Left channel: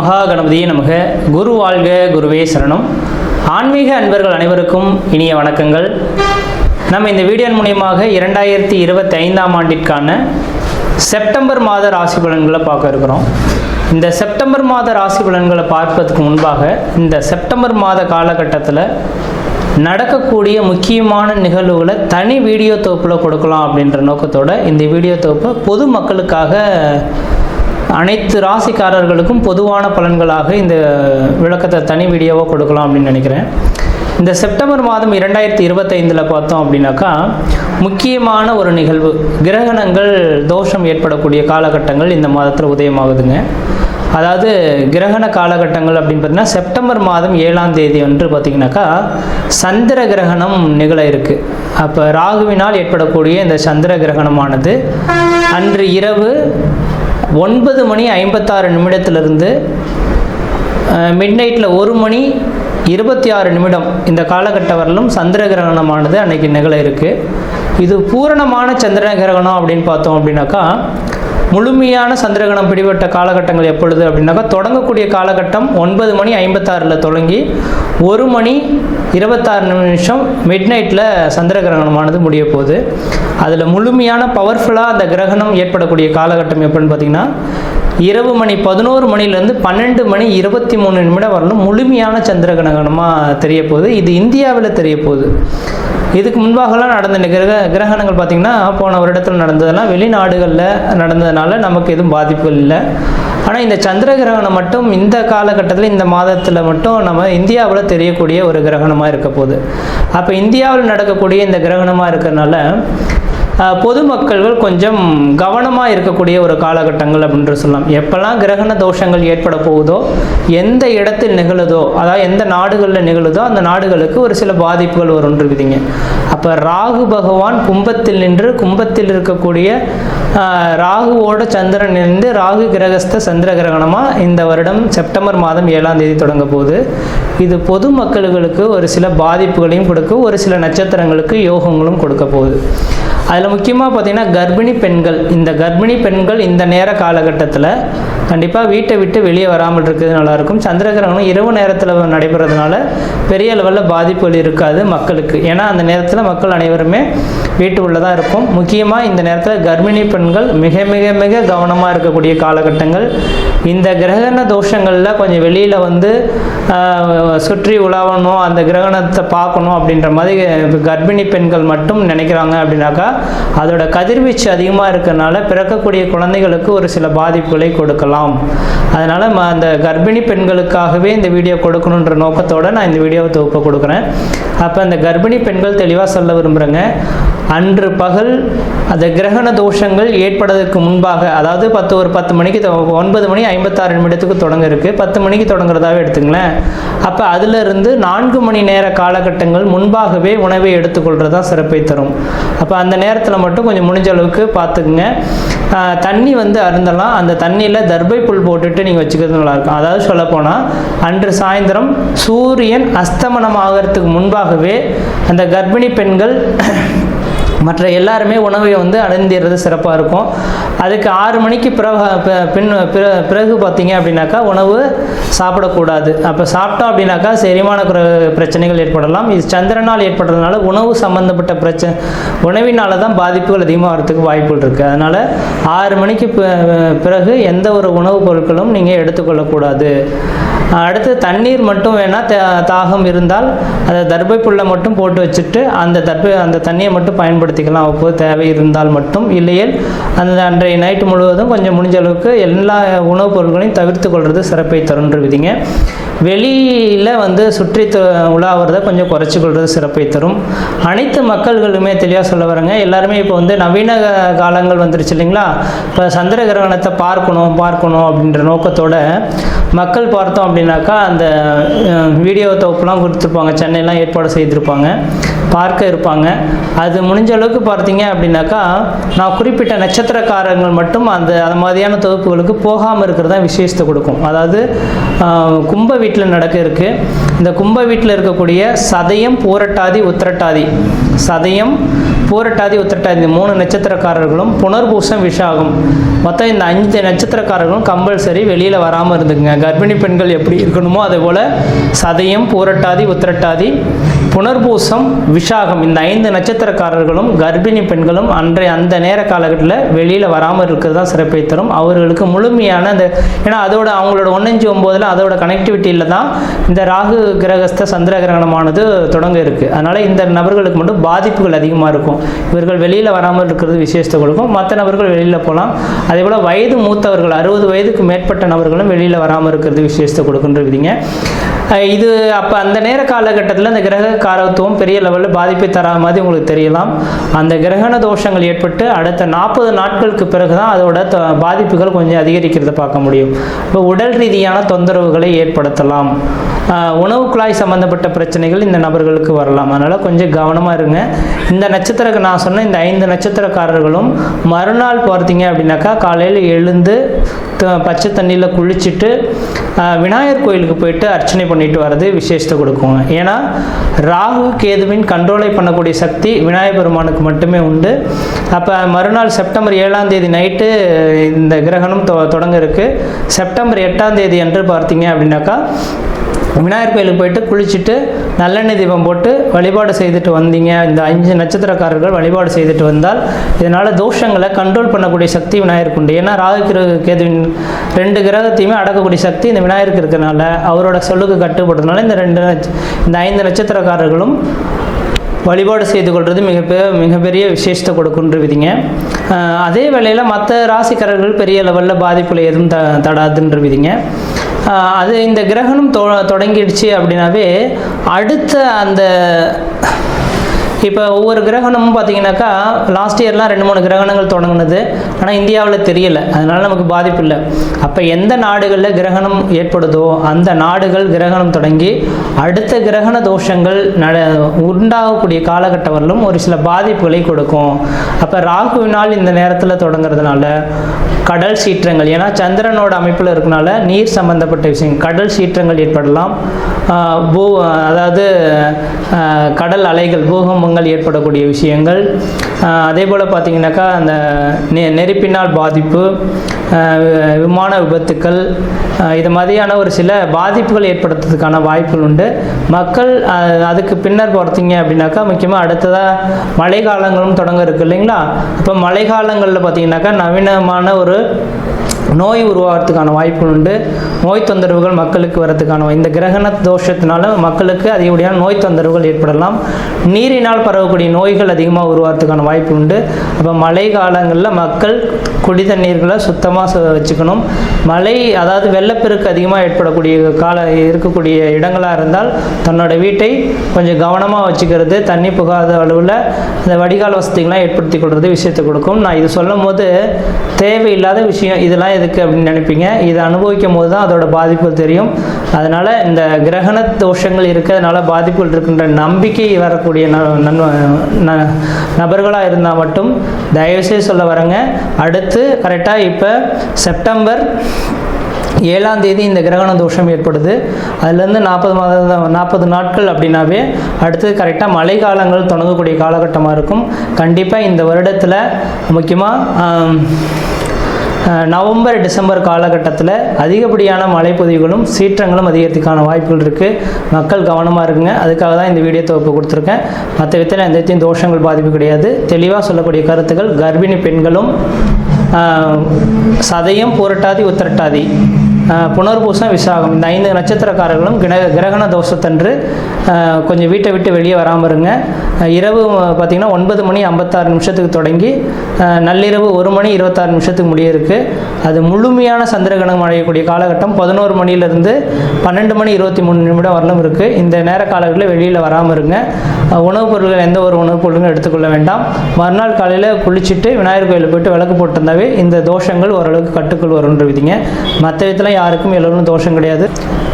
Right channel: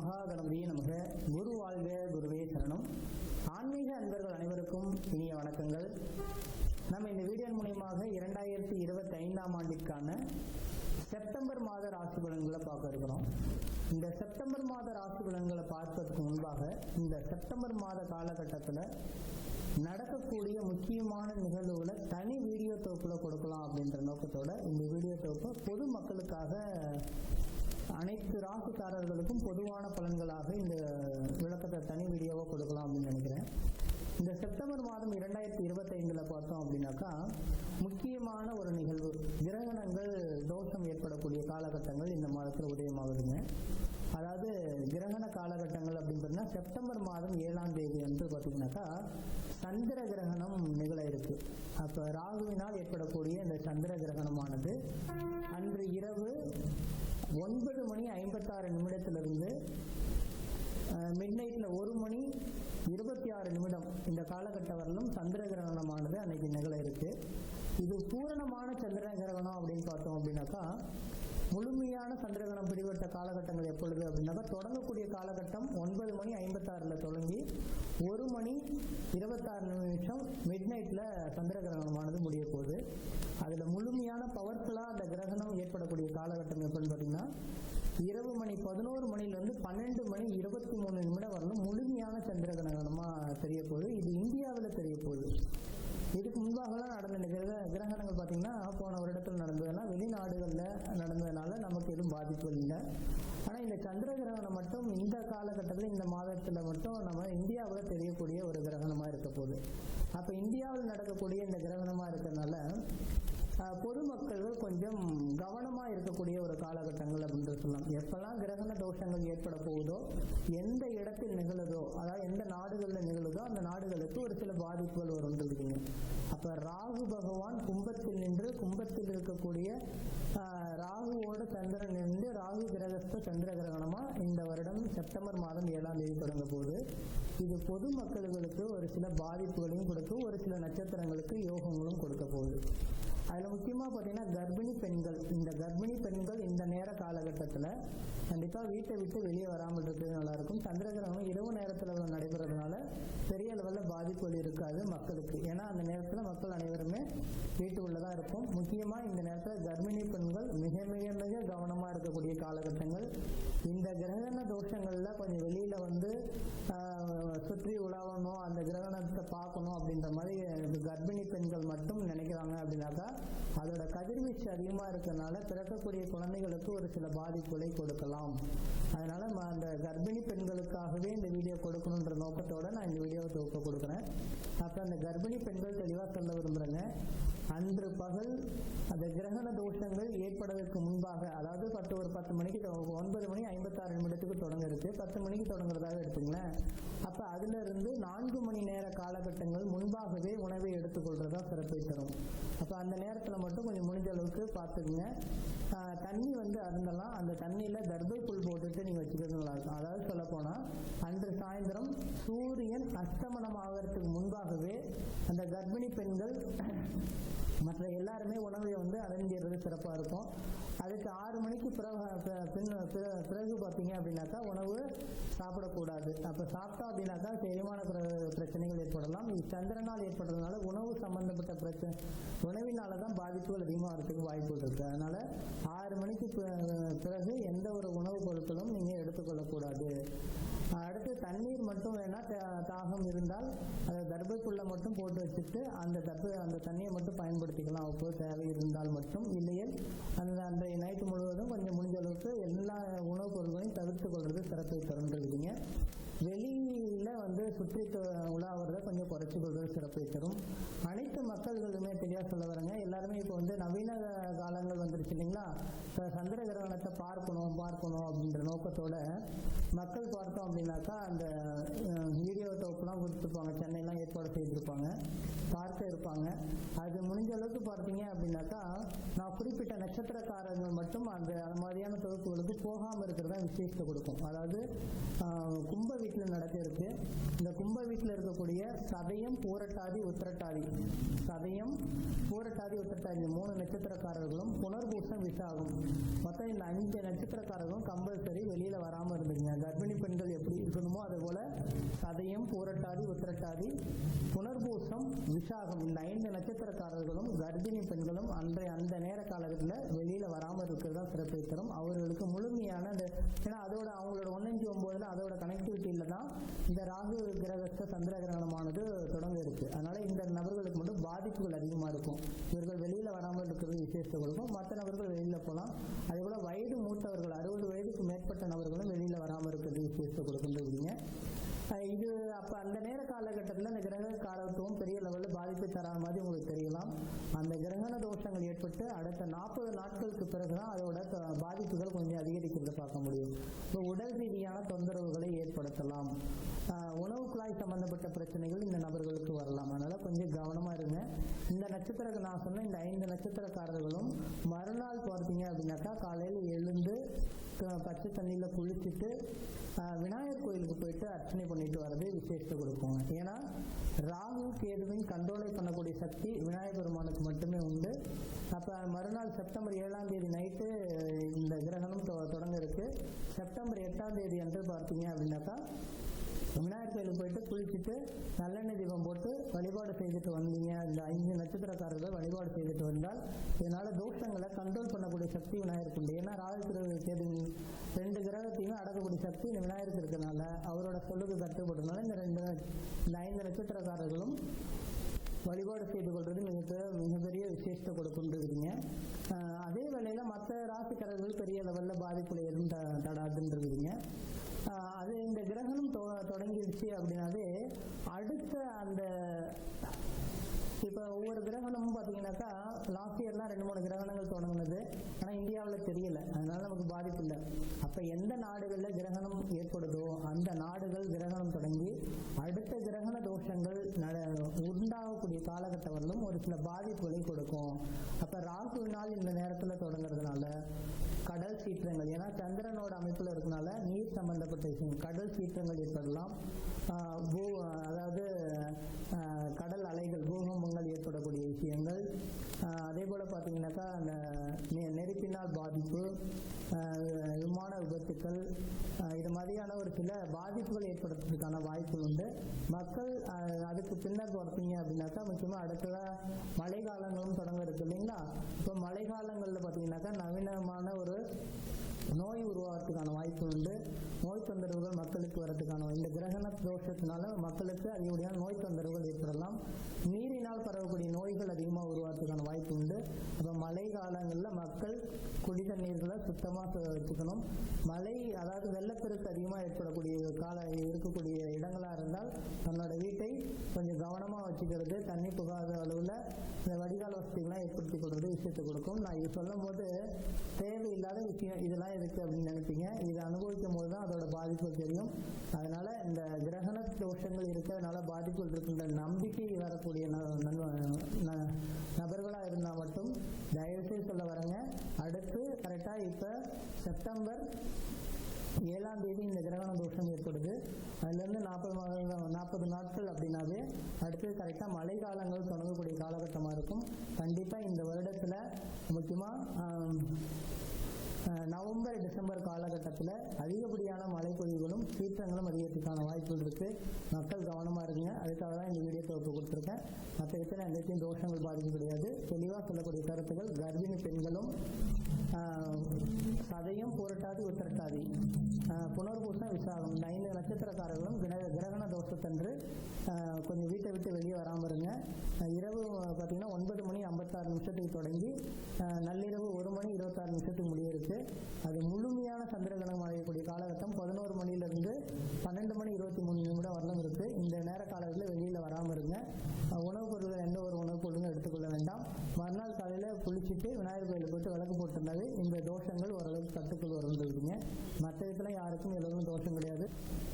மகா கணபதியே நமக. குரு வாழ்க, குருவே சரணம். ஆன்மீக அன்பர்கள் அனைவருக்கும் இனிய வணக்கங்கள். நம்ம இந்த வீடியோ மூலியமாக 2025ஆம் ஆண்டிற்கான செப்டம்பர் மாத ராசி பலன்களை பார்க்க இருக்கிறோம். இந்த செப்டம்பர் மாத ராசி பலன்களை பார்ப்பதற்கு முன்பாக இந்த செப்டம்பர் மாத காலகட்டத்தில் நடக்கக்கூடிய முக்கியமான நிகழ்வுகளை தனி வீடியோ தொகுப்பில் கொடுக்கலாம் அப்படின்ற நோக்கத்தோடு இந்த வீடியோ தொகுப்பை பொது மக்களுக்காக அனைத்து ராசிக்காரர்களுக்கும் பொதுவான பலன்களாக இந்த விளக்கத்தை தனி வீடியோவாக கொடுக்கலாம் அப்படின்னு நினைக்கிறேன். இந்த செப்டம்பர் மாதம் 2025 பார்த்தோம் அப்படின்னாக்கா முக்கியமான ஒரு நிகழ்வு, கிரகணங்கள் தோஷம் ஏற்படக்கூடிய காலகட்டங்கள் இந்த மாதத்தில் உதயமாகுதுங்க. அதாவது கிரகண காலகட்டங்கள் அப்படின்னு பார்த்தீங்கன்னா செப்டம்பர் மாதம் 7ஆம் தேதி அன்று பார்த்திங்கனாக்கா சந்திர கிரகணம் நிகழ இருக்குது. அப்போ ராகுவினால் ஏற்படக்கூடிய இந்த சந்திர கிரகணமானது அன்று இரவு 9:56 மிட் நைட்டில் 1:26 இந்த காலகட்டம் வரலும் சந்திர கிரகணமானது அன்னைக்கு நிகழ இருக்குது. இது பூரணமான சந்திர கிரகணம் அப்படின்னு பார்த்தோம் அப்படின்னாக்கா முழுமையான சந்திரகிரகணம் பிடிபட்ட காலகட்டங்கள் எப்பொழுது அப்படின்னாக்கா தொடங்கக்கூடிய காலகட்டம் 9:56 தொடங்கி 1:26 மிட் நைட்டில் சந்திர கிரகணமானது முடிய போகுது. அதில் முழுமையான பவர்ஃபுல்லாக அந்த கிரகணம் ஏற்படக்கூடிய காலகட்டம் எப்படின்னு பார்த்தீங்கன்னா இரவு 11 12:23 வரலும் முழுமையான சந்திர கிரகணமாக தெரிய போகுது. இது இந்தியாவில் தெரிய போகுது. இதுக்கு முன்பாகலாம் நடந்த கிரகணங்கள் பார்த்திங்கன்னா போன வருடத்தில் நடந்ததெல்லாம் வெளிநாடுகளில் நடந்ததுனால நமக்கு எதுவும் பாதிப்புகள் இல்லை. ஆனால் இந்த சந்திர கிரகணம் மட்டும் இந்த காலகட்டத்தில் இந்த மாதத்தில் மட்டும் நம்ம இந்தியாவில் தெரியக்கூடிய ஒரு கிரகணமாக இருக்க போகுது. அப்போ இந்தியாவில் நடக்கக்கூடிய இந்த கிரகணமாக இருக்கிறதுனால பொதுமக்கள்கள் கொஞ்சம் கவனமாக இருக்கக்கூடிய ஒரு காலகட்டங்கள் அப்படின்ற சொல்லலாம். எப்போல்லாம் கிரகண தோஷங்கள் ஏற்பட போகுதோ, எந்த இடத்தில் நிகழுதோ, அதாவது எந்த நாடுகளில் நிகழுதோ அந்த நாடுகளுக்கு ஒரு சில பாதிப்புகள் வரும்ன்றிருக்குதுங்க. அப்போ ராகு பகவான் கும்பத்தில் நின்று கும்பத்தில் இருக்கக்கூடிய ராகுவோட சந்திரன் இருந்து ராகு கிரகஸ்த சந்திர கிரகணமாக இந்த வருடம் செப்டம்பர் மாதம் 7ஆம் தேதி தொடங்க போகுது. இது பொதுமக்களுக்கு ஒரு சில பாதிப்புகளையும் கொடுக்க, ஒரு சில நட்சத்திரங்களுக்கு யோகங்களும் கொடுக்க போகுது. அதில் முக்கியமாக பார்த்திங்கன்னா கர்ப்பிணி பெண்கள் இந்த நேர காலகட்டத்தில் கண்டிப்பாக வீட்டை விட்டு வெளியே வராமல் இருக்கிறது நல்லாயிருக்கும். சந்திர கிரகணம் இரவு நேரத்தில் நடைபெறதுனால பெரிய லெவலில் பாதிப்புகள் இருக்காது மக்களுக்கு. ஏன்னா அந்த நேரத்தில் மக்கள் அனைவருமே வீட்டு உள்ளதாக இருக்கும். முக்கியமாக இந்த நேரத்தில் கர்ப்பிணி பெண்கள் மிக மிக மிக கவனமாக இருக்கக்கூடிய காலகட்டங்கள். இந்த கிரகண தோஷங்களில் கொஞ்சம் வெளியில் வந்து சுற்றி உலாவணும், அந்த கிரகணத்தை பார்க்கணும் அப்படின்ற மாதிரி கர்ப்பிணி பெண்கள் மட்டும் நினைக்கிறாங்க அப்படின்னாக்கா அதோட கதிர்வீச்சு அதிகமாக இருக்கிறதுனால பிறக்கக்கூடிய குழந்தைகளுக்கு ஒரு சில பாதிப்புகளை கொடுக்கலாம். அதனால் அந்த கர்ப்பிணி பெண்களுக்காகவே இந்த வீடியோ கொடுக்கணுன்ற நோக்கத்தோடு நான் இந்த வீடியோவை தொகுப்பை கொடுக்குறேன். அப்போ அந்த கர்ப்பிணி பெண்கள் தெளிவாக சொல்ல விரும்புகிறேங்க, அன்று பகல் அந்த கிரகண தோஷங்கள் ஏற்படுவதற்கு முன்பாக, அதாவது 10 மணிக்கு 9:56 தொடங்க இருக்குது, 10 மணிக்கு தொடங்குறதாவே எடுத்துங்களேன். அப்போ அதிலிருந்து 4 மணி நேர காலகட்டங்கள் முன்பாகவே உணவை எடுத்துக்கொள்கிறது தான் சிறப்பை தரும். அப்போ அந்த நேரத்தில் மட்டும் கொஞ்சம் முடிஞ்ச அளவுக்கு பார்த்துக்குங்க. தண்ணி வந்து அருந்தலாம். அந்த தண்ணியில் தர்பை புல் போட்டுட்டு நீங்கள் வச்சுக்கிறது நல்லாயிருக்கும். அதாவது சொல்லப்போனால் அன்று சாயந்தரம் சூரியன் அஸ்தமனம் ஆகிறதுக்கு முன்பாகவே அந்த கர்ப்பிணி பெண்கள் மற்ற எல்லாருமே உணவை வந்து அடைந்திடுறது சிறப்பாக இருக்கும். அதுக்கு 6 மணிக்கு பிறகு பார்த்தீங்க அப்படின்னாக்கா உணவு சாப்பிடக்கூடாது. அப்போ சாப்பிட்டோம் அப்படின்னாக்கா செரிமான பிரச்சனைகள் ஏற்படலாம். இது சந்திரனால் ஏற்படுறதுனால உணவு சம்மந்தப்பட்ட உணவினால தான் பாதிப்புகள் அதிகமாக வரதுக்கு வாய்ப்புகள் இருக்குது. அதனால் 6 மணிக்கு பிறகு எந்த ஒரு உணவுப் பொருட்களும் நீங்கள் எடுத்துக்கொள்ளக்கூடாது. அடுத்து தண்ணீர் மட்டும் வேணால் தாகம் இருந்தால் அதை தர்பை புல்லை மட்டும் போட்டு வச்சுட்டு அந்த தண்ணியை மட்டும் பயன்படுத்திக்கலாம் அப்போது தேவை இருந்தால் மட்டும். இல்லையேல் அன்றைய நைட்டு முழுவதும் கொஞ்சம் முடிஞ்ச அளவுக்கு எல்லா உணவுப் பொருட்களையும் தவிர்த்து கொள்வது சிறப்பை தருன்ற விதிங்க. வெளியில் வந்து சுற்றி உலாவுறதை கொஞ்சம் குறைச்சி கொள்வது சிறப்பை தரும். அனைத்து மக்கள்களுமே தெளிவாக சொல்ல வரங்க, எல்லாருமே இப்போ வந்து நவீன காலங்கள் வந்துருச்சு இல்லைங்களா. இப்போ சந்திர கிரகணத்தை பார்க்கணும் அப்படின்ற நோக்கத்தோட மக்கள் பார்த்தோம் அப்படின்னாக்கா அந்த வீடியோ தொகுப்புலாம் கொடுத்துருப்பாங்க, சென்னையெல்லாம் ஏற்பாடு செய்திருப்பாங்க, பார்க்க இருப்பாங்க. அது முடிஞ்ச அளவுக்கு பார்த்தீங்க அப்படின்னாக்கா நான் குறிப்பிட்ட நட்சத்திரக்காரங்கள் மட்டும் அந்த மாதிரியான தொகுப்புகளுக்கு போகாமல் இருக்கிறது தான் விசேஷத்தை கொடுக்கும். அதாவது கும்ப வீட்டில் நடக்க இருக்குது. இந்த கும்ப வீட்டில் இருக்கக்கூடிய சதயம், பூரட்டாதி, உத்திரட்டாதி சதயம், பூரட்டாதி, உத்திரட்டாதி இந்த 3 நட்சத்திரக்காரர்களும், புனர்பூசம், விஷாகம் மொத்தம் இந்த 5 நட்சத்திரக்காரர்களும் கம்பல்சரி வெளியில் வராமல் இருந்துக்குங்க. கர்ப்பிணி பெண்கள் எப்படி இருக்கணுமோ அதே போல் சதயம், பூரட்டாதி, உத்திரட்டாதி, புனர்பூசம், விஷாகம் இந்த 5 நட்சத்திரக்காரர்களும் கர்ப்பிணி பெண்களும் அந்த நேர காலகட்டத்தில் வெளியில் வராமல் இருக்கிறது தான் சிறப்பை தரும். அவர்களுக்கு முழுமையான அந்த ஏன்னா அதோட அவங்களோட 1-5-9 அதோட கனெக்டிவிட்டியில் தான் இந்த ராகு கிரகஸ்த சந்திர கிரகணமானது தொடங்க இருக்குது. அதனால் இந்த நபர்களுக்கு மட்டும் பாதிப்புகள் அதிகமாக இருக்கும். இவர்கள் வெளியில் வராமல் இருக்கிறது விசேஷத்தை கொடுக்கும். மற்ற நபர்கள் வெளியில் போகலாம். அதே போல் வயது மூத்தவர்கள் 60 வயதுக்கு மேற்பட்ட நபர்களும் வெளியில் வராமல் இருக்கிறது விசேஷத்தை கொடுக்குன்றீங்க. இது அப்போ அந்த நேர காலகட்டத்தில் அந்த கிரக காரத்துவம் பெரிய லெவலில் பாதிப்பை தரா மாதிரி உங்களுக்கு தெரியலாம். அந்த கிரகண தோஷங்கள் ஏற்பட்டு அடுத்த 40 நாட்களுக்கு பிறகு தான் அதோட பாதிப்புகள் கொஞ்சம் அதிகரிக்கிறத பார்க்க முடியும். இப்போ உடல் ரீதியான தொந்தரவுகளை ஏற்படுத்தலாம். உணவு குழாய் சம்பந்தப்பட்ட பிரச்சனைகள் இந்த நபர்களுக்கு வரலாம். அதனால் கொஞ்சம் கவனமாக இருங்க. இந்த நட்சத்திர நான் சொன்ன இந்த 5 நட்சத்திரக்காரர்களும் மறுநாள் பார்த்தீங்க அப்படின்னாக்கா காலையில் எழுந்து பச்சை தண்ணியில் குளிச்சுட்டு விநாயகர் கோயிலுக்கு போயிட்டு அர்ச்சனை பண்ணிட்டு வர்றது விசேஷத்தை கொடுக்குங்க. ஏன்னா ராகு கேதுவின் கண்ட்ரோலை பண்ணக்கூடிய சக்தி விநாயகர் பெருமானுக்கு மட்டுமே உண்டு. அப்போ மறுநாள் செப்டம்பர் 7ஆம் தேதி நைட்டு இந்த கிரகணம் தொடங்க இருக்குது. செப்டம்பர் 8ஆம் தேதி அன்று பார்த்தீங்க அப்படின்னாக்கா விநாயகர் கோயிலுக்கு போயிட்டு குளிச்சுட்டு நல்லெண்ணெய் தீபம் போட்டு வழிபாடு செய்துட்டு வந்தீங்க. இந்த 5 நட்சத்திரக்காரர்கள் வழிபாடு செய்துட்டு வந்தால் இதனால் தோஷங்களை கண்ட்ரோல் பண்ணக்கூடிய சக்தி விநாயகருக்கு உண்டு. ஏன்னா ராகு கேதுவின் 2 கிரகத்தையுமே அடக்கக்கூடிய சக்தி இந்த விநாயகருக்கு இருக்கிறனால அவரோட சொல்லுக்கு கட்டுப்படுறதுனால இந்த 5 நட்சத்திரக்காரர்களும் வழிபாடு செய்து கொள்வது மிகப்பெரிய விசேஷத்தை கொடுக்குன்றவிதிங்க. அதே வேளையில் மற்ற ராசிக்காரர்கள் பெரிய லெவலில் பாதிப்புல எதுவும் தடாதுன்றவிதிங்க. அது இந்த கிரகணம் தொடங்கிடுச்சு அப்படின்னாவே அடுத்த அந்த இப்போ ஒவ்வொரு கிரகணமும் பார்த்தீங்கன்னாக்கா லாஸ்ட் இயர்லாம் 2-3 கிரகணங்கள் தொடங்கினது. ஆனால் இந்தியாவில் தெரியலை, அதனால் நமக்கு பாதிப்பு இல்லை. அப்போ எந்த நாடுகளில் கிரகணம் ஏற்படுதோ அந்த நாடுகள் கிரகணம் தொடங்கி அடுத்த கிரகண தோஷங்கள் உண்டாகக்கூடிய காலகட்டம் வரலும் ஒரு சில பாதிப்புகளை கொடுக்கும். அப்போ ராகுவினால் இந்த நேரத்தில் தொடங்குறதுனால கடல் சீற்றங்கள், ஏன்னா சந்திரனோட அமைப்பில் இருக்கனால நீர் சம்பந்தப்பட்ட விஷயங்கள், கடல் சீற்றங்கள் ஏற்படலாம். அதாவது கடல் அலைகள், பூகம்பங்கள் ஏற்படக்கூடிய விஷயங்கள். அதே போல் பார்த்தீங்கன்னாக்கா அந்த நெருப்பினால் பாதிப்பு, விமான விபத்துக்கள், இது மாதிரியான ஒரு சில பாதிப்புகள் ஏற்படுத்துறதுக்கான வாய்ப்புகள் உண்டு. மக்கள் அதுக்கு பின்னர் பார்த்தீங்க அப்படின்னாக்கா முக்கியமாக அடுத்ததாக மழை காலங்களும் தொடங்க இருக்கு இல்லைங்களா. இப்போ மழை காலங்களில் பார்த்தீங்கன்னாக்கா நவீனமான ஒரு நோய் உருவாகிறதுக்கான வாய்ப்புகள் உண்டு. நோய் தொந்தரவுகள் மக்களுக்கு வரதுக்கான இந்த கிரகண தோஷத்தினால மக்களுக்கு அதிகப்படியான நோய் தொந்தரவுகள் ஏற்படலாம். நீரினால் பரவக்கூடிய நோய்கள் அதிகமாக உருவாகிறதுக்கான வாய்ப்பு உண்டு. அப்போ மழை காலங்களில் மக்கள் குடி தண்ணீர்களை சுத்தமாக வச்சுக்கணும். மழை அதாவது வெள்ளப்பெருக்கு அதிகமாக ஏற்படக்கூடிய இருக்கக்கூடிய இடங்களாக இருந்தால் தன்னோட வீட்டை கொஞ்சம் கவனமாக வச்சுக்கிறது, தண்ணி புகாத அளவில் இந்த வடிகால் வசதிகள்லாம் ஏற்படுத்தி கொள்வது விஷயத்தை கொடுக்கும். நான் இது சொல்லும் போது தேவையில்லாத விஷயம் இதெல்லாம் எதுக்கு அப்படின்னு நினைப்பீங்க. இதை அனுபவிக்கும் போது தான் அதோட பாதிப்புகள் தெரியும். அதனால் இந்த கிரகண தோஷங்கள் இருக்கிறதுனால பாதிப்புகள் இருக்கின்ற நம்பிக்கை வரக்கூடிய நபர்களாக இருந்தால் மட்டும் தயவுசெய்து சொல்ல வரங்க. அடுத்து கரெக்டாக இப்போ செப்டம்பர் 7ஆம் தேதி இந்த கிரகண தோஷம் ஏற்படுது. அதுலேருந்து 40 நாட்கள் அப்படின்னாவே அடுத்து கரெக்டாக மழை காலங்கள் தொடங்கக்கூடிய காலகட்டமாக இருக்கும். கண்டிப்பாக இந்த வருடத்தில் முக்கியமாக நவம்பர் டிசம்பர் காலகட்டத்தில் அதிகப்படியான மழைப்பொழிவுகளும் சீற்றங்களும் அதிகரிக்கிறதுக்கான வாய்ப்புகள் இருக்குது. மக்கள் கவனமாக இருக்குங்க. அதுக்காக தான் இந்த வீடியோ தொகுப்பு கொடுத்துருக்கேன். மற்ற விதத்தில் எந்த தோஷங்கள் பாதிப்பு கிடையாது. தெளிவாக சொல்லக்கூடிய கருத்துக்கள் கர்ப்பிணி பெண்களும் சதயம், பூரட்டாதி, உத்திரட்டாதி, புனர்பூசம், விசாகம் இந்த 5 நட்சத்திரக்காரர்களும் கிரகண தோஷத்தன்று கொஞ்சம் வீட்டை விட்டு வெளியே வராமல் இருங்க. இரவு பார்த்திங்கன்னா 9 மணி 56 நிமிஷத்துக்கு தொடங்கி நள்ளிரவு 1 மணி 26 நிமிஷத்துக்கு முடிய இருக்குது. அது முழுமையான சந்திரகிரகணம் அடையக்கூடிய காலகட்டம் 11 மணிலேருந்து 12 மணி 23 நிமிடம் வரலும் இருக்குது. இந்த நேர காலங்களில் வெளியில் வராமல் இருங்க. உணவுப் பொருட்கள் எந்த ஒரு உணவுப் பொருட்களும் எடுத்துக்கொள்ள வேண்டாம். மறுநாள் காலையில் குளிச்சுட்டு விநாயகர் கோயிலில் போய்ட்டு விளக்கு போட்டிருந்தாவே இந்த தோஷங்கள் ஓரளவுக்கு கட்டுக்குள் வரும்ன்ற விதிங்க. மற்ற விதத்தில் யாருக்கும் எல்லோரும் தோஷம் கிடையாது.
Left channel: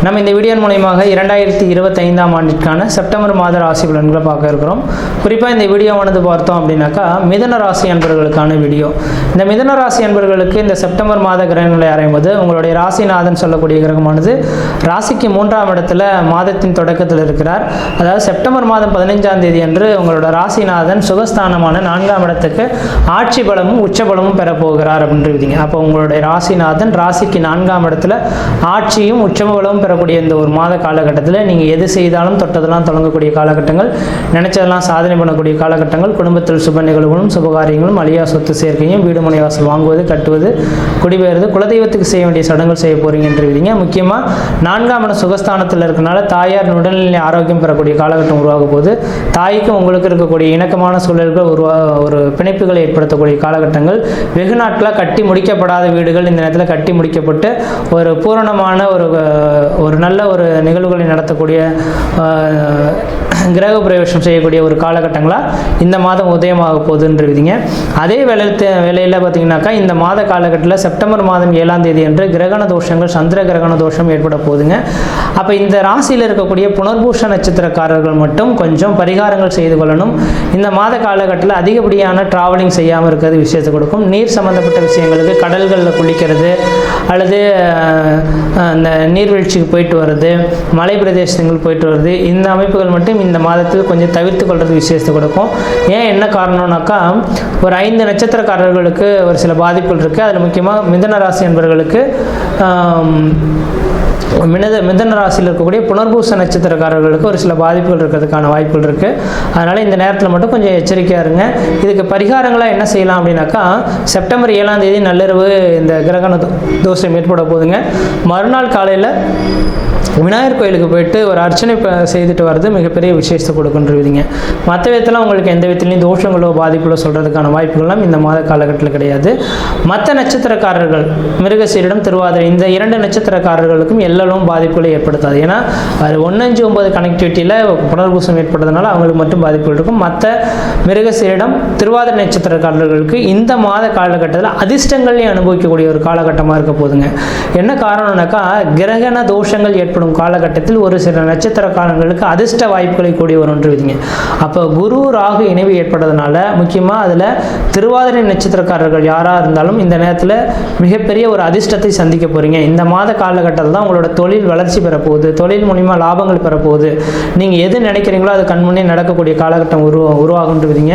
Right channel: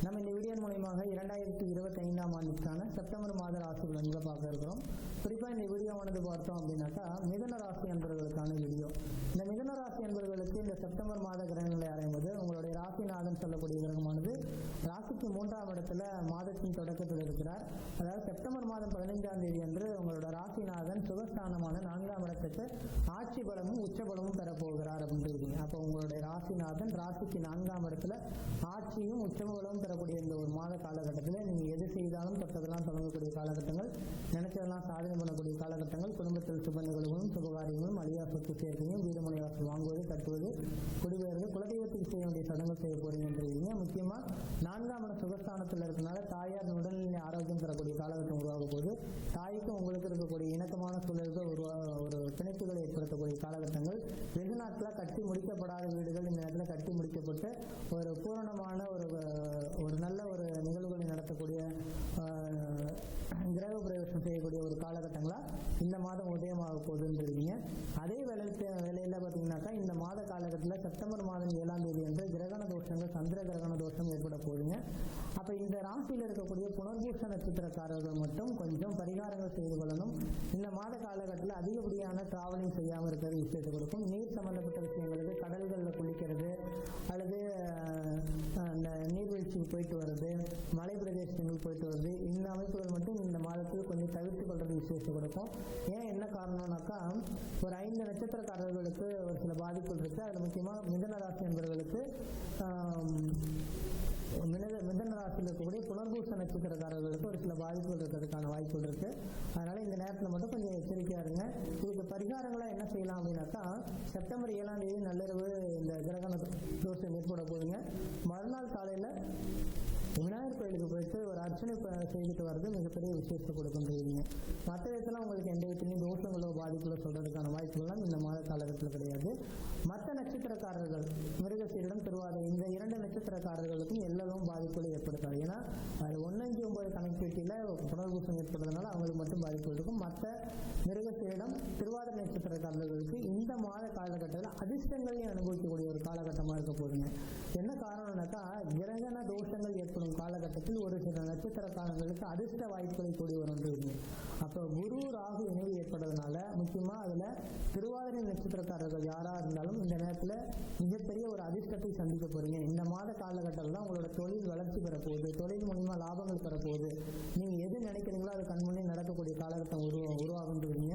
நம்ம இந்த வீடியோ மூலமாக 2025ஆம் ஆண்டிற்கான செப்டம்பர் மாத ராசி பலன்களை பார்க்க இருக்கிறோம். குறிப்பாக இந்த வீடியோவானது பார்த்தோம் அப்படின்னாக்கா மிதுன ராசி அன்பர்களுக்கான வீடியோ. இந்த மிதுன ராசி அன்பர்களுக்கு இந்த செப்டம்பர் மாத கிரகங்களை ஆராயும்போது உங்களுடைய ராசிநாதன் சொல்லக்கூடிய கிரகமானது ராசிக்கு 3ஆம் இடத்துல மாதத்தின் தொடக்கத்தில் இருக்கிறார். அதாவது செப்டம்பர் மாதம் 15ஆம் தேதி அன்று உங்களோட ராசிநாதன் சுகஸ்தானமான 4ஆம் இடத்துக்கு ஆட்சி பலமும் உச்ச பலமும் பெறப்போகிறார் அப்படின்றீங்க. அப்போ உங்களுடைய ராசிநாதன் ராசிக்கு 4ஆம் இடத்துல ஆட்சியும் உச்ச பலமும் பெறக்கூடிய இந்த ஒரு மாத காலகட்டத்தில் நீங்கள் எது செய்தாலும் தொட்டதெல்லாம் தொடங்கக்கூடிய காலகட்டங்கள், நினைச்சதெல்லாம் சாதனை பண்ணக்கூடிய காலகட்டங்கள், குடும்பத்தில் சுப நிகழ்வுகளும் சுபகாரியங்களும், அழியா சொத்து சேர்க்கையும், வீடு மனை வாசல் வாங்குவது, கட்டுவது, குடிபெயர்வது, குலதெய்வத்துக்கு செய்ய வேண்டிய சடங்குகள் செய்ய போறீங்கன்றீங்க. முக்கியமாக 4ஆம் இடம் சுகஸ்தானத்தில் இருக்கனால தாயார் உடல்நிலை ஆரோக்கியம் பெறக்கூடிய காலகட்டம் உருவாகும் போது தாய்க்கும் உங்களுக்கு இருக்கக்கூடிய இணக்கமான சூழல்கள் ஒரு பிணைப்புகளை ஏற்படுத்தக்கூடிய காலகட்டங்கள், வெகு நாட்களாக கட்டி முடிக்கப்படாத வீடுகள் இந்த நேரத்தில் கட்டி முடிக்கப்பட்டு ஒரு பூரணமான ஒரு நல்ல ஒரு நிகழ்வுகளை நடத்தக்கூடிய கிரக பிரவேசம் செய்யக்கூடிய ஒரு காலகட்டங்களாக இந்த மாதம் உதயமாக போகுதுன்றீங்க. அதே வேலையில் பார்த்தீங்கன்னாக்கா இந்த மாத காலகட்டத்தில் செப்டம்பர் மாதம் 7ஆம் தேதி அன்று கிரகண தோஷங்கள், சந்திர கிரகண தோஷம் ஏற்பட போகுதுங்க. அப்போ இந்த ராசியில் இருக்கக்கூடிய புனர்பூஷ நட்சத்திரக்காரர்கள் மட்டும் கொஞ்சம் பரிகாரங்கள் செய்து கொள்ளணும். இந்த மாத காலகட்டத்தில் அதிகப்படியான டிராவலிங் செய்யாமல் இருக்கிறது விஷயத்தை கொடுக்கும். நீர் சம்பந்தப்பட்ட விஷயங்களுக்கு கடல்களில் குளிக்கிறது அல்லது அந்த நீர்வீழ்ச்சிக்கு போயிட்டு வர்றது, மலை பிரதேசங்கள் போயிட்டு வருது, இந்த அமைப்புகள் மட்டும் இந்த மாதத்தில் கொஞ்சம் தவிர்த்து கொள்வது விசேஷத்தை கொடுக்கும். ஏன் என்ன காரணம்னாக்கா ஒரு 5 நட்சத்திரக்காரர்களுக்கு ஒரு சில பாதிப்புகள் இருக்குது. அதில் முக்கியமாக மிதுன ராசி என்பவர்களுக்கு மிதுன ராசியில் இருக்கக்கூடிய புனர்பூச நட்சத்திரக்காரர்களுக்கு ஒரு சில பாதிப்புகள் இருக்கிறதுக்கான வாய்ப்புகள் இருக்குது. அதனால் இந்த நேரத்தில் மட்டும் கொஞ்சம் எச்சரிக்கையாக இருங்க. இதுக்கு பரிகாரங்களாக என்ன செய்யலாம் அப்படின்னாக்கா செப்டம்பர் 7ஆம் தேதி நள்ளிரவு இந்த கிரகண தோஷம் ஏற்பட போகுதுங்க. மறுநாள் காலையில் விநாயகர் கோயிலுக்கு போயிட்டு ஒரு அர்ச்சனை செய்துட்டு வர்றது மிகப்பெரிய விசேஷத்தை கொடுக்குன்றீங்க. மற்ற விதத்தில் உங்களுக்கு எந்த விதத்துலையும் தோஷங்களோ பாதிப்புகளோ சொல்கிறதுக்கான வாய்ப்புகள்லாம் இந்த மாத காலகட்டத்தில் கிடையாது. மற்ற நட்சத்திரக்காரர்கள் மிருகசீரிடம், திருவாதிரை இந்த 2 நட்சத்திரக்காரர்களுக்கும் எல்லோரும் பாதிப்புகளை ஏற்படுத்தாது. ஏன்னா அது 1-5-9 கனெக்டிவிட்டியில் புனர்பூசம் ஏற்படுறதுனால அவங்களுக்கு மட்டும் பாதிப்புகள் இருக்கும். மற்ற மிருகசீரிடம், திருவாதிரை நட்சத்திரக்காரர்களுக்கு இந்த மாத காலகட்டத்தில் அதிர்ஷ்டங்களையும் அனுபவிக்கக்கூடிய ஒரு காலகட்டமாக இருக்க போதுங்க. என்ன காரணம்னாக்கா கிரகண தோஷங்கள் ஏற்படும் காலகட்டத்தில் ஒரு சில நட்சத்திரக்காரர்களுக்கு அதிர்ஷ்ட வாய்ப்புகளை கூடி வரும்ன்றீங்க. அப்போ குரு ராகு இணைவு ஏற்படுறதுனால முக்கியமாக அதில் திருவாதிரை நட்சத்திரக்காரர்கள் யாராக இருந்தாலும் இந்த நேரத்தில் மிகப்பெரிய ஒரு அதிர்ஷ்டத்தை சந்திக்க போகிறீங்க. இந்த மாத காலகட்டத்தில் தான் உங்களோட தொழில் வளர்ச்சி பெறப்போகுது, தொழில் மூலிமா லாபங்கள் பெறப்போகுது. நீங்கள் எது நினைக்கிறீங்களோ அது கண்முன்னே நடக்கக்கூடிய காலகட்டம் உருவாகுன்றீங்க.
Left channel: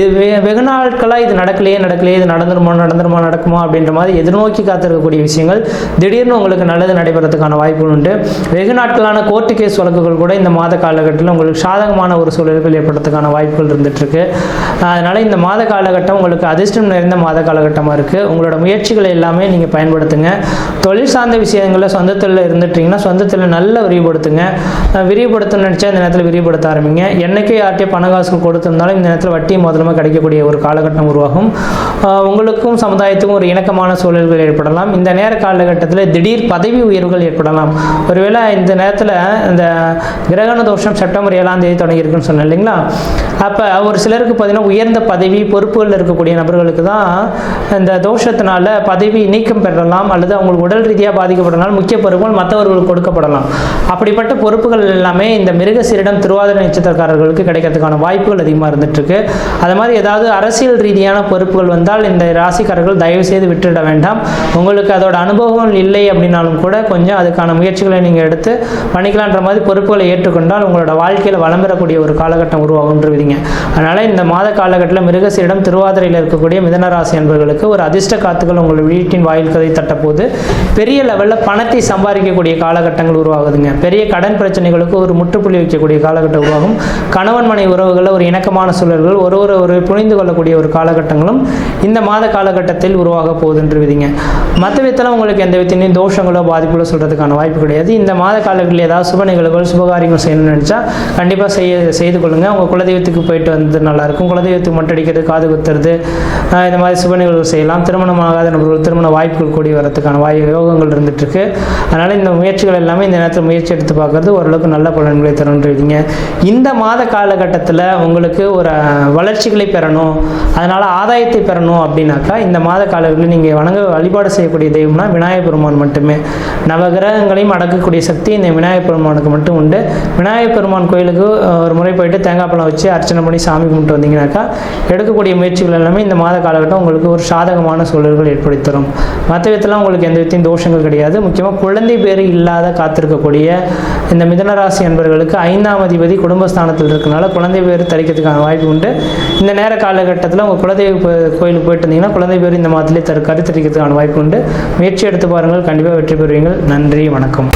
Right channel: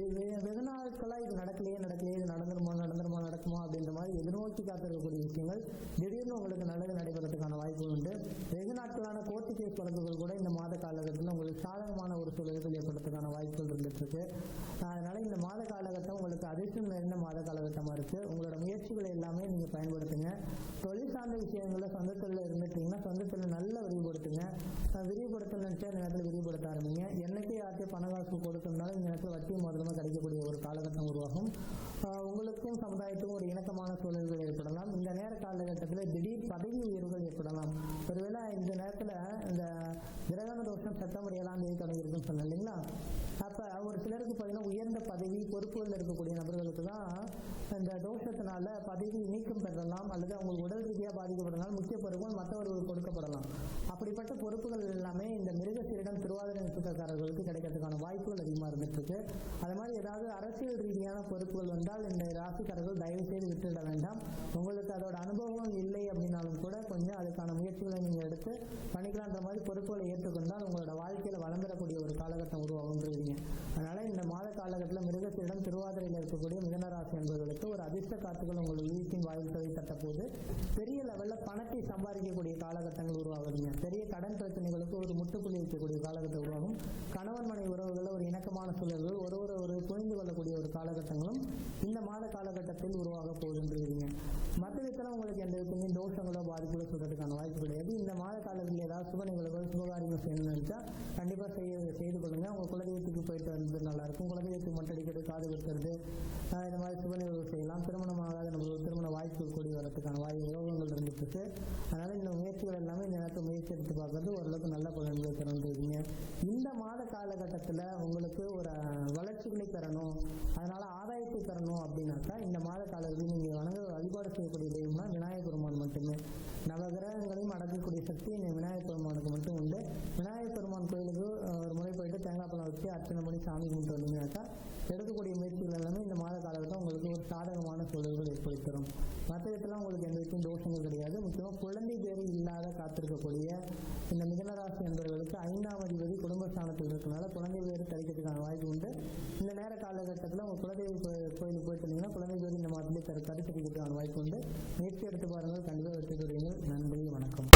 இது வெகு நாட்களாக இது நடக்கலையே இது நடக்குமா அப்படின்ற மாதிரி எதிர்நோக்கி காத்திருக்கக்கூடிய விஷயங்கள் திடீர்னு உங்களுக்கு நல்லது நடைபெறதுக்கான வாய்ப்புகள் உண்டு. வெகு நாட்களான கோர்ட்டு கேஸ் வழக்குகள் கூட இந்த மாத காலகட்டத்தில் உங்களுக்கு சாதகமான ஒரு சூழல்கள் ஏற்படுறதுக்கான வாய்ப்புகள் இருந்துகிட்ருக்கு. அதனால் இந்த மாத காலகட்டம் உங்களுக்கு அதிர்ஷ்டம் நிறைந்த மாத காலகட்டமாக இருக்குது. உங்களோட முயற்சிகளை எல்லாமே நீங்கள் பயன்படுத்துங்க. தொழில் சார்ந்த விஷயங்களில் சொந்தத்தில் இருந்துட்டிங்கன்னா சொந்தத்தில் நல்ல விரிவுபடுத்துங்க. விரிவுபடுத்தணும்னு நினச்சா இந்த நேரத்தில் விரிவுபடுத்த ஆரம்பிங்க. என்னைக்கே யார்ட்டே பணகாசுகள் கொடுத்திருந்தாலும் இந்த நேரத்தில் வட்டி முதலமாக கிடைக்கக்கூடிய ஒரு காலகட்டம் உருவாகும். உங்களுக்கும் சமுதாயத்துக்கும் ஒரு இணக்கமான சூழல்கள் ஏற்படலாம். இந்த நேர காலகட்டத்தில் திடீர் பதவி உயர்வுகள் ஏற்படலாம். ஒருவேளை இந்த நேரத்தில் இந்த கிரகண தோஷம் செப்டம்பர் 7ஆம் தேதி தொடங்கியிருக்குன்னு சொன்னேன் இல்லைங்களா? அப்போ ஒரு சிலருக்கு பார்த்தீங்கன்னா உயர்ந்த பதவி பொறுப்புகளில் இருக்கக்கூடிய நபர்களுக்கு தான் இந்த தோஷத்தினால பதவி நீக்கம் பெறலாம் அல்லது அவங்களுக்கு உடல் ரீதியாக பாதிக்கப்படலாம். முக்கிய பொறுப்புகள் மற்றவர்களுக்கு கொடுக்கப்படலாம். அப்படிப்பட்ட பொறுப்புகள் எல்லாமே இந்த மிருகசீரிடம், திருவாதிரை நட்சத்திரக்காரர்களுக்கு கிடைக்கிறதுக்கான வாய்ப்புகள் அதிகமாக இருந்துகிட்ருக்கு. அது மாதிரி ஏதாவது அரசியல் ரீதியான பொறுப்புகள் வந்தால் இந்த ராசிக்காரர்கள் தயவு செய்து விட்டுவிட வேண்டாம். உங்களுக்கு அதோட அனுபவம் இல்லை அப்படின்னாலும் கூட கொஞ்சம் அதுக்கான முயற்சிகளை நீங்கள் எடுத்து பண்ணிக்கலான்ற மாதிரி பொறுப்புகளை ஏற்றுக்கொண்டால் உங்களோட வாழ்க்கையில் வளம் பெறக்கூடிய ஒரு காலகட்டம் உருவாகுன்றீங்க. அதனால் இந்த மாத காலகட்டத்தில் மிருகசீரிடம், திருவாதிரையில் இருக்கக்கூடிய மிதனராசி என்பவர்களுக்கு ஒரு அதிர்ஷ்ட காத்துக்கள் உங்கள் வீட்டின் வாயில் கதை தட்டப்போது பெரிய லெவலில் பணத்தை சம்பாதிக்கக்கூடிய காலகட்டங்கள் உருவாகுதுங்க. பெரிய கடன் பிரச்சனைகளுக்கு ஒரு முற்றுப்புள்ளி வைக்கக்கூடிய காலகட்டம் உருவாகும். கணவன் மனை உறவுகளில் ஒரு இணக்கமான சூழல்கள், ஒரு புரிந்து கொள்ளக்கூடிய ஒரு காலகட்டங்களும் இந்த மாத காலகட்டத்தில் உருவாக போகுதுன்றீங்க. மற்ற விதத்தில் உங்களுக்கு எந்த விதத்திலையும் தோஷங்களோ பாதிப்புகளோ சொல்கிறதுக்கான வாய்ப்பு கிடையாது. இந்த மாத காலங்களில் ஏதாவது சுப நிகழ்வுகள், சுபகாரியங்கள் செய்யணும்னு நினச்சா கண்டிப்பாக செய்து கொள்ளுங்கள். உங்கள் குலதெய்வத்துக்கு போயிட்டு வந்து நல்லாயிருக்கும். குலதெய்வத்துக்கு மொட்டை அடிக்கிறது, காது குத்துறது, இந்த மாதிரி சுப நிகழ்வுகள் செய்யலாம். திருமணமாகாத நபர்கள் திருமண வாய்ப்புகள் கூடி வரதுக்கான யோகங்கள் இருந்துகிட்ருக்கு. அதனால் இந்த முயற்சிகள் எல்லாமே இந்த நேரத்தில் முயற்சி எடுத்து பார்க்குறது ஓரளவுக்கு நல்ல பலன்களை தருன்றீங்க. இந்த மாத காலகட்டத்தில் உங்களுக்கு ஒரு வளர்ச்சிகளை பெறணும், அதனால் ஆதாயத்தை பெறணும் அப்படின்னாக்கா இந்த மாத காலங்களில் நீங்கள் வழிபாடு செய்யக்கூடிய தெய்வம்னா விநாயகர் பெருமான் மட்டுமே. நவகிரகங்களையும் அடக்கக்கூடிய சக்தி இந்த விநாயகர் பெருமானுக்கு மட்டும் உண்டு. விநாயகர் பெருமான் கோயிலுக்கு ஒரு முறை போயிட்டு தேங்காய் பழம் வச்சு அர்ச்சனை பண்ணி சாமி கும்பிட்டு வந்தீங்கன்னாக்கா எடுக்கக்கூடிய முயற்சிகள் எல்லாமே இந்த மாத காலகட்டம் உங்களுக்கு ஒரு சாதகமான சூழல்கள் ஏற்படுத்தி தரும். மற்ற விதத்தில் உங்களுக்கு எந்த விதத்தையும் தோஷங்கள் கிடையாது. முக்கியமாக குழந்தை பேர் இல்லாத காத்திருக்கக்கூடிய இந்த மிதுனராசி அன்பர்களுக்கு 5ஆம் அதிபதி குடும்பஸ்தானத்தில் இருக்கனால குழந்தை பேர் தரிக்கிறதுக்கான வாய்ப்பு உண்டு. இந்த நேர காலகட்டத்தில் உங்கள் குலதெய்வ கோயிலுக்கு போயிட்டு இருந்தீங்கன்னா குழந்தை பேர் இந்த மாதத்திலே கருத்தரிக்கிறதுக்கான வாய்ப்பு உண்டு. முயற்சி எடுத்து பாருங்கள், கண்டிப்பாக வெற்றி பெறுவீங்கள். நன்றி, வணக்கம்.